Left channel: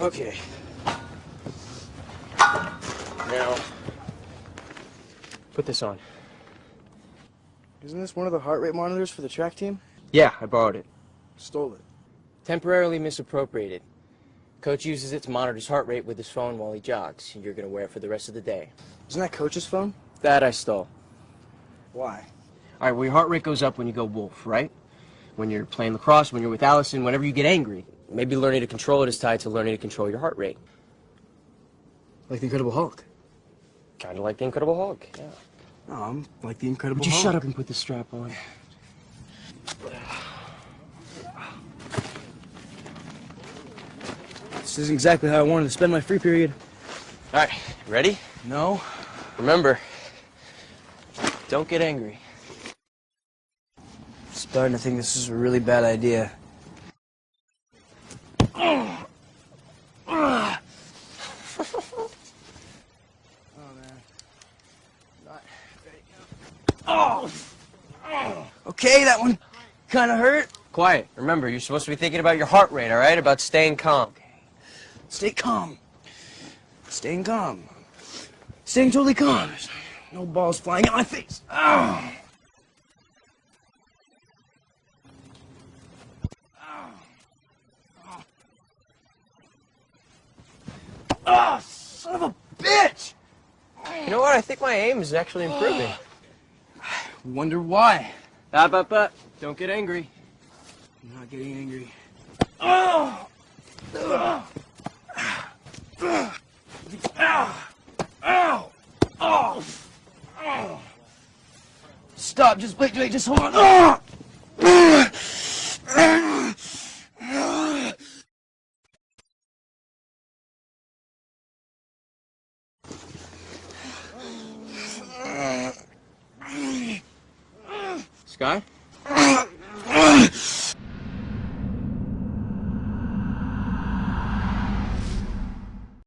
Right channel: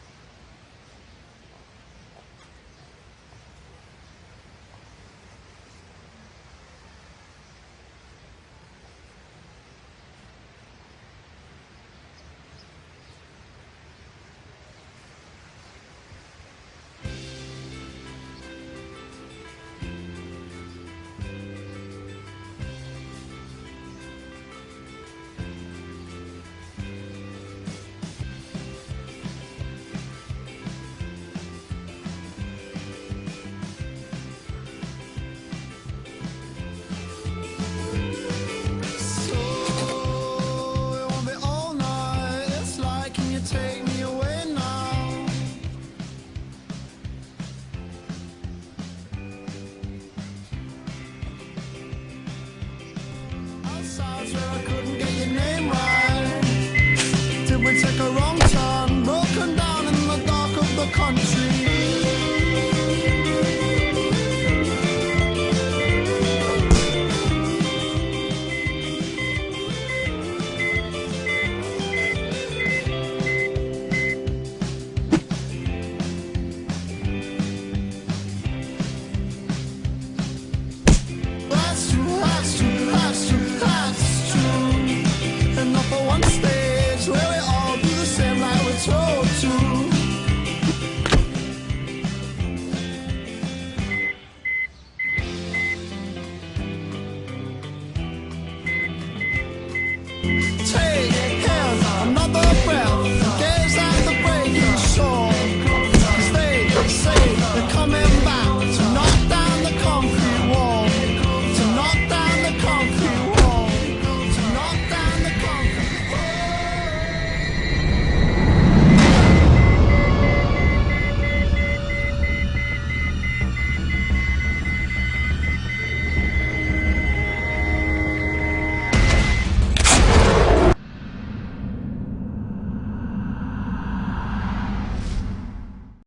Okay. Now, put this on. Isn't this one of the heart rate monitors for the track team? Yeah, I borrowed it. Stole it. Temporarily misappropriated. Coach uses it to monitor his heart rate with his phone while he jogs, and you're gonna wear it for the rest of the day. Isn't that Coach's phone? That I stole. Why? All right, well, your heart rate goes up when you go wolf, right? When you're playing lacrosse, when you're with Allison, whenever you get angry. Maybe learning to control it is tied to learning to control your heart rate. Like the Incredible Hulk. Kind of like the Incredible Hulk. Yeah. Like the Incredible Would you Hulk. shut up and put the strap on? This is exactly how I wanted to spend my free period. All right, ready? No. Remember, don't get angry. I'm starting to think this is a really bad idea. Did we take a wrong turn, broken down in the back of the country? Okay, that one kind of hurt. Quiet. Remember, you're supposed to be thinking about your heart rate, all right? About staying calm. Stay calm. Staying calm. Staying totally calm. No balls flying in my face. That's true. And not for one stage where we all do the same like we're told to. Son of a bitch! You know what? I think my aim is actually improving. Wonder why. Don't get angry. Take another bell, gaze at the breaking shore. Tuesday, they say they're coming back to knock down the concrete wall. To knock down the concrete wall.